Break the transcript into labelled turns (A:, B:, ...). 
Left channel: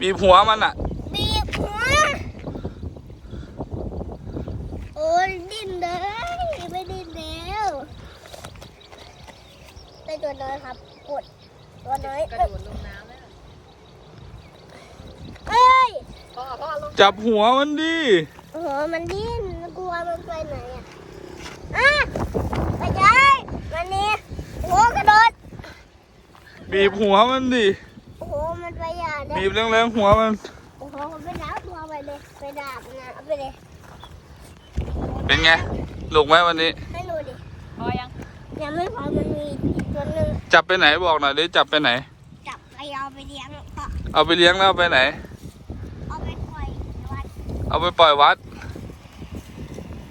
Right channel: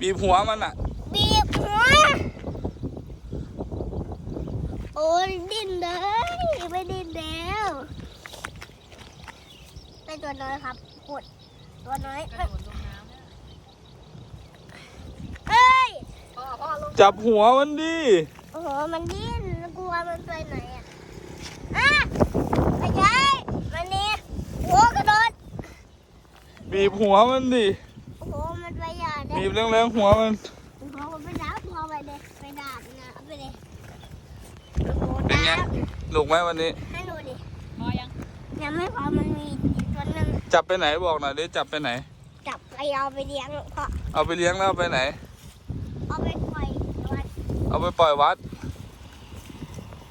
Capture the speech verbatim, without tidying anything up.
A: บีบหัวมันอ่ะ
B: บีบหัวโอ้ยดิ้นเลยไม่ดิ้นแล้วไปตัวน้อยครับกดตัวน้อย
C: กระโดดลงน้ำแล้ว
B: เอ้ย
C: พ่อพ่อลง
A: จับหัวมันดิ
B: หัวมันดิ้นกลัวมันไปไหนอ่ะอ่ะไม่ใช่มันนี่หัวกระโดด
A: บีบหัวมันดิ
B: โอ้โหมันไปอย่าได้
A: บีบแรงๆหัวมัน
B: โอ้โหไปดาบหัวไปเลยไปดาบนะเอาไปเลย
A: เป็นไงลูกไหมวันนี้
B: ให้หนูดิ
C: พอยัง
B: ยังไม่พอมันมีอีกตัวหนึ่ง
A: จับไปไหนบอกหน่อยดิจับไปไหน
B: จับไปเอาไปเลี้ยงเพราะ
A: เอาไปเลี้ยงแล้วเอาไปไหน
B: เอาไปปล่อยวัด
A: เอาไปปล่อยวัด